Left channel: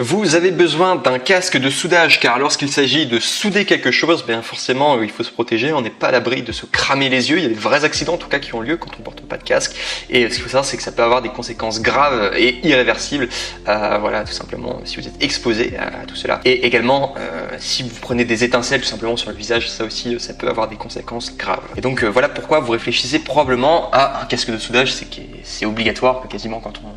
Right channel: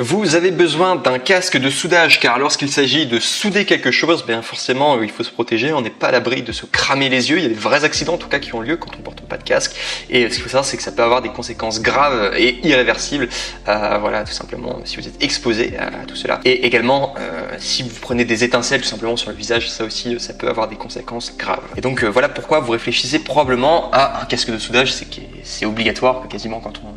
Vous avez besoin d'un casque de soudage car lorsqu'il s'agit de souder quelque chose, bien forcément il faut se protéger, on n'est pas à l'abri de se cramer les yeux, il y a de vrais accidents en tout cas qui ont lieu quand on ne porte pas de casque et ce qu'il faut savoir c'est que ça peut avoir des conséquences graves et irréversibles, voilà tout simplement si vous êtes exposé à tout cela. Et également si vous prenez des étincelles tout simplement sur le visage, ça aussi ça peut avoir des conséquences graves. Et donc voilà pourquoi vous réfléchissez probablement à un casque de soudage, c'est obligatoire quasiment quand on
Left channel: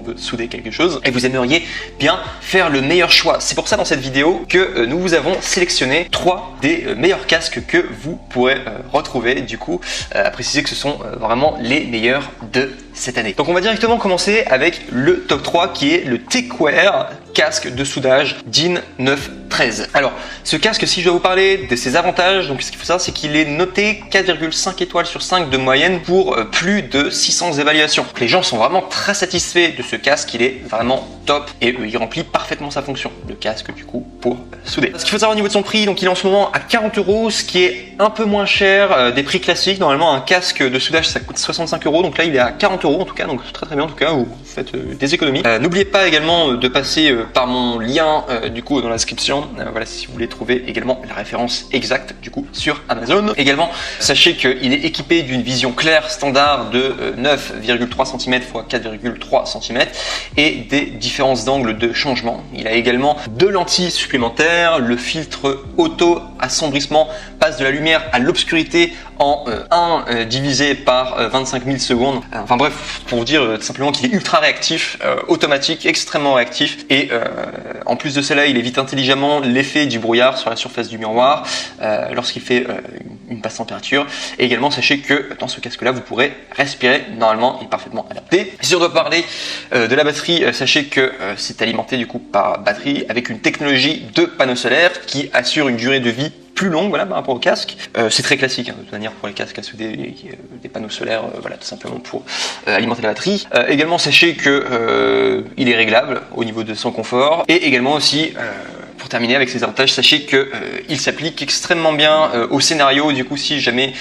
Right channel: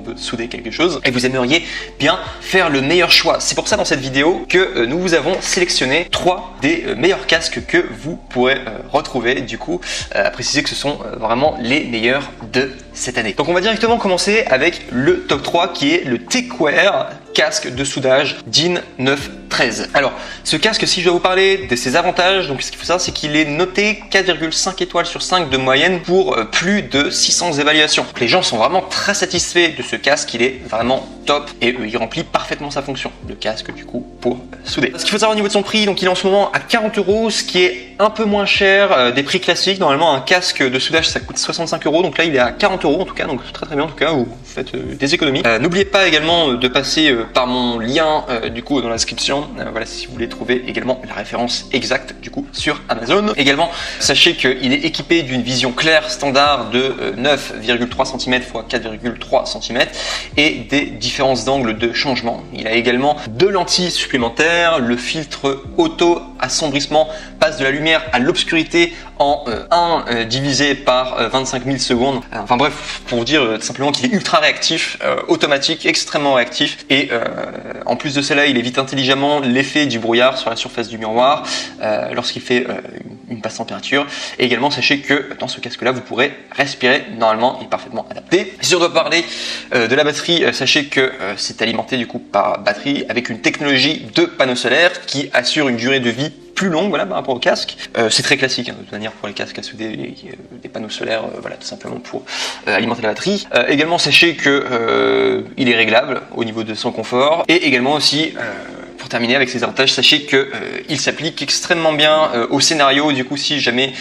veut souder quelque chose et vous aimeriez bien faire le meilleur choix. C'est pour ça dans cette vidéo que nous vous avons sélectionné 3 des meilleurs casques que vous pourrez retrouver. Du coup, à préciser que ce sont vraiment les meilleurs de cette année. Donc on va directement commencer avec le top 3 qui est le Tekware casque de soudage DIN 913. Alors, ce casque, si je dois vous parler de ses avantages, donc ce qu'il faut savoir, c'est qu'il est noté 4,5 étoiles sur 5 de moyenne pour plus de 600 évaluations. Donc, les gens sont vraiment très satisfaits de ce casque, il est vraiment top et il remplit parfaitement sa fonction. Le casque, du coup, pour souder. Ce qu'il faut savoir au niveau de son prix, donc il est en ce moment à 40 €, ce qui est un peu moins cher des prix classiques. Normalement, un casque de soudage, ça coûte 65 €, donc là, il est à 40 € en tout cas, donc très très bien en tout cas, vous faites des économies. N'oubliez pas également de passer par mon lien du coup dans la description, voilà si vous voulez trouver également la référence exacte du coup sur Amazon. Également sachez qu'il est équipé d'une vision claire standard de 9,3 cm x 4,3 cm et des différences d'angle de changement. Il a également 2 lentilles supplémentaires, le filtre auto assombrissement passe de la lumière à l'obscurité en divisé par 25 000 secondes. Enfin bref, pour vous dire simplement qu'il est ultra réactif, automatique, extrêmement réactif et en plus de cela, il évite intelligemment l'effet du brouillard sur la surface du miroir lorsqu'il fait une basse température. Et également, sachez que dans ce casque-là, vous pourrez respirer normalement, il est parfaitement adapté. Et si on doit parler de la batterie, sachez que c'est alimenté du coup par batterie avec une technologie de panneau solaire qui assure une durée de vie plus longue, voilà, par rapport au casque. C'est très classique, de toute manière, pour les casques à souder, les panneaux solaires, voilà, tout simplement pour alimenter la batterie. Également, sachez que il est réglable au niveau de son confort. Et également aussi, pour terminer avec ses avantages, sachez que il s'applique extrêmement bien au scénario. Du coup, si jamais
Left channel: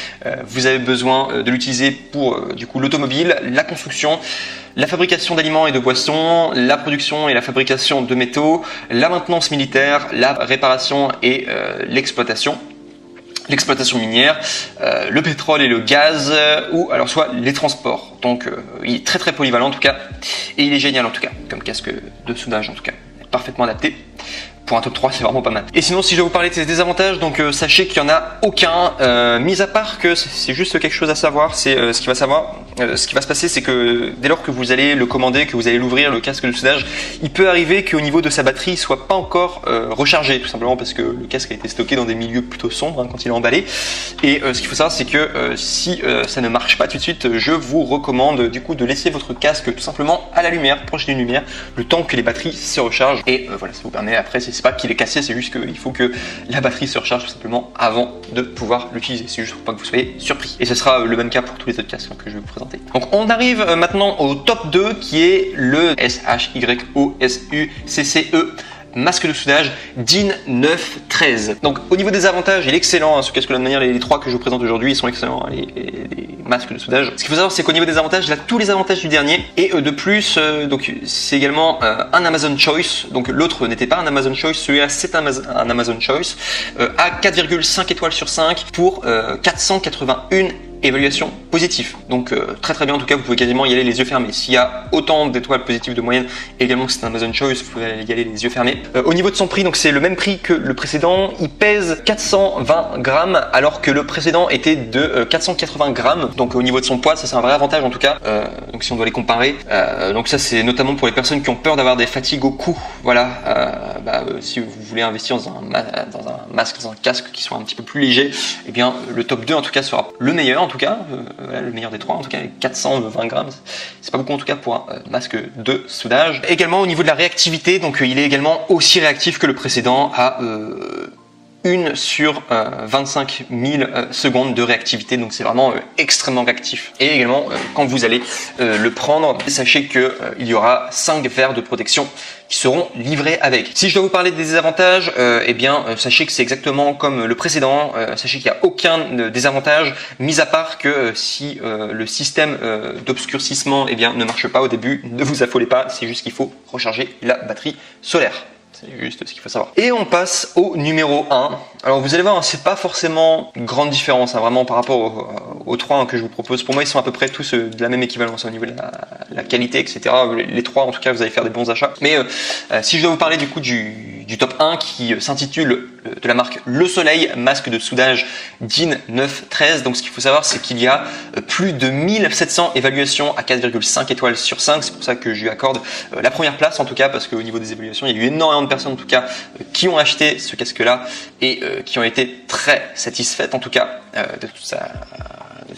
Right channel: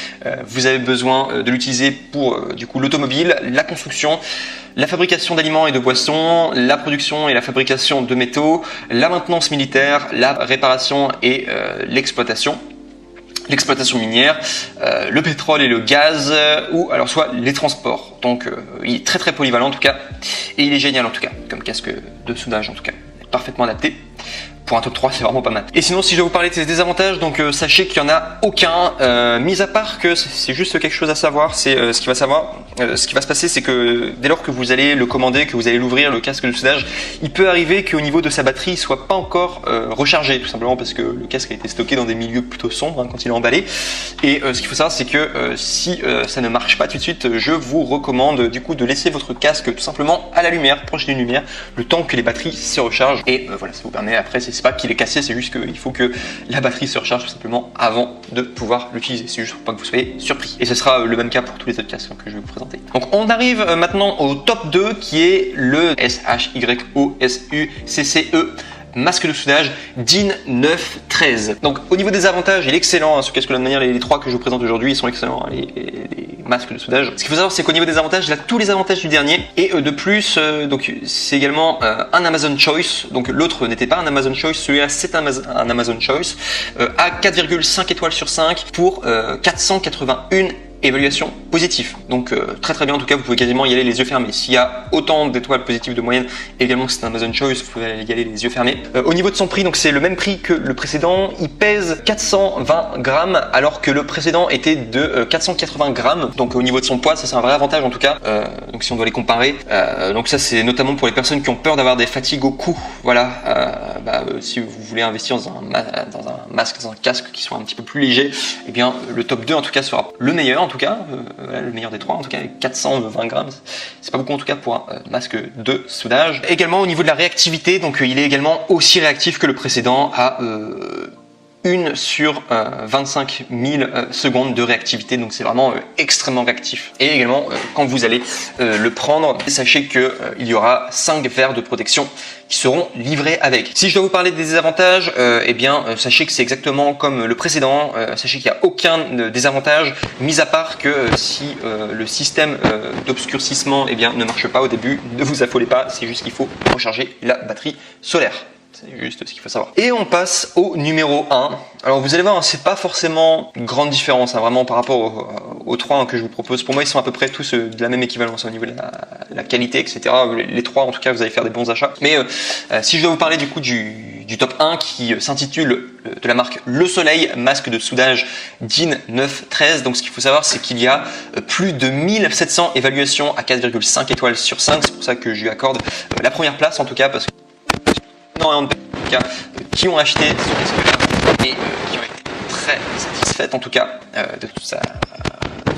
vous avez besoin de l'utiliser pour du coup l'automobile, la construction, la fabrication d'aliments et de boissons, la production et la fabrication de métaux, la maintenance militaire, la réparation et l'exploitation minière, le pétrole et le gaz, ou alors soit les transports. Donc il est très très polyvalent en tout cas, et il est génial en tout cas, comme casque de soudage en tout cas, parfaitement adapté. Pour un top 3, c'est vraiment pas mal. Et sinon, si je vais vous parler de ses désavantages, donc sachez qu'il n'y en a aucun, mis à part que c'est juste quelque chose à savoir, c'est ce qui va se passer, c'est que dès lors que vous allez le commander, que vous allez l'ouvrir, le casque de soudage, il peut arriver qu'au niveau de sa batterie, il soit pas encore rechargé, tout simplement parce que le casque a été stocké dans des milieux plutôt sombres quand il est emballé. Et ce qu'il faut savoir, c'est que si ça ne marche pas tout de suite, je vous recommande du coup de laisser votre casque tout simplement à la lumière, proche d'une lumière, le temps que les batteries se rechargent. Et voilà, ça vous permet après, c'est pas qu'il est cassé, c'est juste qu'il faut que la batterie se recharge tout simplement avant de pouvoir l'utiliser. C'est juste pour pas que vous soyez surpris. Et ce sera le même cas pour tous les autres casques que je vais vous présenter. Donc on arrive maintenant au top 2 qui est le SHYOSUCCE masque de soudage DIN 913. Donc au niveau des avantages, il est excellent, ce casque-là de manière, les 3 que je vous présente aujourd'hui, ils sont excellents, les masques de soudage. Ce qu'il faut savoir, c'est qu'au niveau des avantages, il a tous les avantages du dernier, et de plus, c'est également un Amazon Choice, donc l'autre n'était pas un Amazon Choice, celui-là c'est un Amazon Choice, à 4,5 étoiles sur 5 pour 481 évaluation positive. Donc très très bien en tout cas, vous pouvez quasiment y aller les yeux fermés. S'il y a autant d'étoiles positives de moyenne, également que c'est un Amazon Choice, vous pouvez y aller les yeux fermés. Au niveau de son prix, donc c'est le même prix que le précédent, il pèse 420 grammes alors que le précédent était de 480 grammes. Donc au niveau de son poids, ça c'est un vrai avantage en tout cas, donc si on doit les comparer. Donc ça c'est notamment pour les personnes qui ont peur d'avoir des fatigues au cou. Voilà, si vous voulez investir dans un masque, dans un casque qui soit un petit peu plus léger, eh bien le top 2 en tout cas sera le meilleur en tout cas, le meilleur des 3 en tout cas, 420 grammes, c'est pas beaucoup en tout cas pour un masque de soudage. Également au niveau de la réactivité, donc il est également aussi réactif que le précédent à 1 sur 25 000 secondes de réactivité, donc c'est vraiment extrêmement réactif. Et également, quand vous allez le prendre, sachez que il y aura 5 verres de protection qui seront livrés avec. Si je dois vous parler des désavantages, eh bien, sachez que c'est exactement comme le précédent. Sachez qu'il n'y a aucun désavantage, mis à part que si le système d'obscurcissement ne marche pas au début, ne vous affolez pas, c'est juste qu'il faut recharger la batterie solaire. C'est juste ce qu'il faut savoir. Et on passe au numéro 1. Alors vous allez voir, c'est pas forcément une grande différence, vraiment par rapport aux 3 que je vous propose. Pour moi, ils sont à peu près tous de la même équivalence au niveau de la qualité, etc. Les 3, en tout cas, vous allez faire des bons achats. Mais si je dois vous parler du coup du top 1 qui s'intitule de la marque Le Soleil, masque de soudage DIN 913. Donc ce qu'il faut savoir, c'est qu'il y a plus de 1700 évaluations à 4,5 étoiles sur 5. C'est pour ça que je lui accorde la première place en tout cas, parce qu'au niveau des évaluations, il y a eu énormément de personnes en tout cas qui ont acheté ce casque-là et qui ont été très satisfaites en tout cas de tout ça.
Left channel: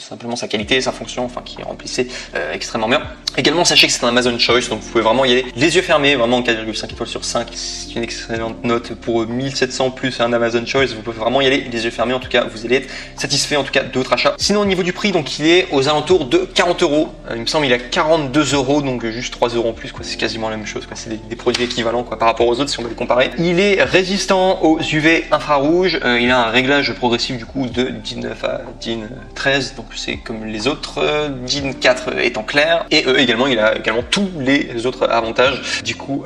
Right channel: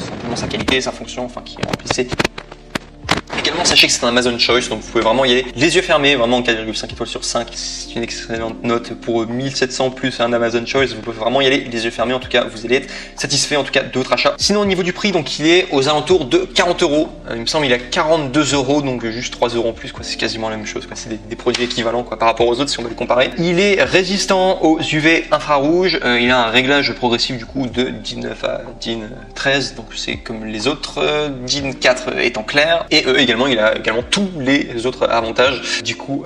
Simplement sa qualité, sa fonction, enfin qui remplissait extrêmement bien. Également, sachez que c'est un Amazon Choice, donc vous pouvez vraiment y aller les yeux fermés, vraiment 4,5 étoiles sur 5. C'est une excellente note pour 1700 plus un Amazon Choice. Vous pouvez vraiment y aller les yeux fermés, en tout cas, vous allez être satisfait en tout cas de votre achat. Sinon, au niveau du prix, donc il est aux alentours de 40 €. Il me semble il est à 42 €, donc juste 3 € en plus, quoi. C'est quasiment la même chose, quoi. C'est des produits équivalents quoi, par rapport aux autres si on veut les comparer. Il est résistant aux UV infrarouges. Il a un réglage progressif du coup de DIN 9 à DIN 13, donc c'est comme les autres, DIN 4 étant clair, et également il a également tous les autres avantages du coup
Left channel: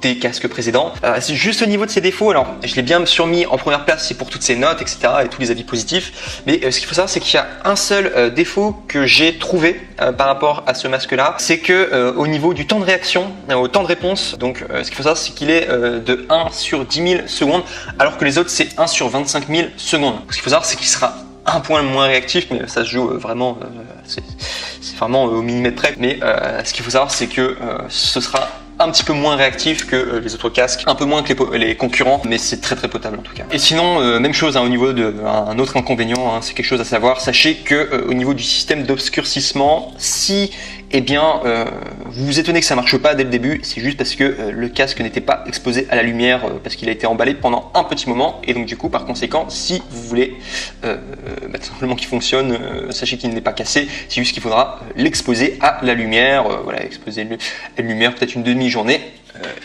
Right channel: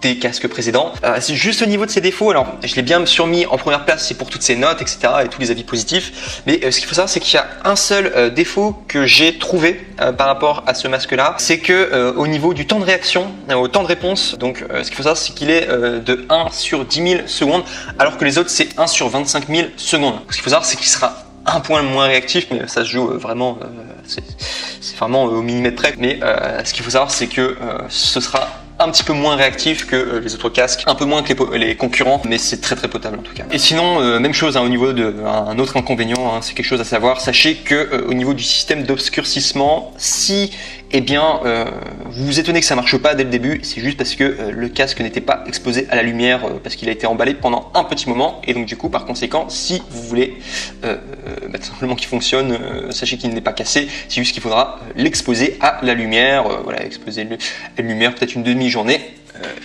des casques précédents. C'est juste au niveau de ses défauts, alors je l'ai bien surmis en première place, c'est pour toutes ses notes, etc. et tous les avis positifs, mais ce qu'il faut savoir c'est qu'il y a un seul défaut que j'ai trouvé par rapport à ce masque là, c'est que au niveau du temps de réaction, au temps de réponse, donc ce qu'il faut savoir c'est qu'il est de 1 sur 10 000 secondes, alors que les autres c'est 1 sur 25 000 secondes. Ce qu'il faut savoir c'est qu'il sera un point moins réactif, mais ça se joue vraiment, c'est vraiment au millimètre près, mais ce qu'il faut savoir c'est que ce sera un petit peu moins réactif que les autres casques, un peu moins que les concurrents, mais c'est très très potable en tout cas. Et sinon, même chose au niveau d'un autre inconvénient, c'est quelque chose à savoir, sachez que au niveau du système d'obscurcissement, si vous vous étonnez que ça marche pas dès le début, c'est juste parce que le casque n'était pas exposé à la lumière, parce qu'il a été emballé pendant un petit moment, et donc du coup par conséquent, si vous voulez simplement qu'il fonctionne, sachez qu'il n'est pas cassé, c'est juste qu'il faudra l'exposer à la lumière, exposer à la lumière peut-être une demi-journée,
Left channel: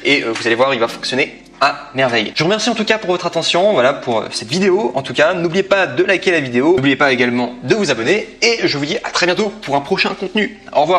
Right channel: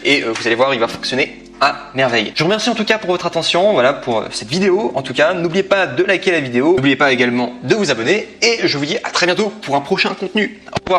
et vous allez voir, il va fonctionner à merveille. Je vous remercie en tout cas pour votre attention, pour cette vidéo. En tout cas, n'oubliez pas de liker la vidéo, n'oubliez pas également de vous abonner, et je vous dis à très bientôt pour un prochain contenu. Au revoir.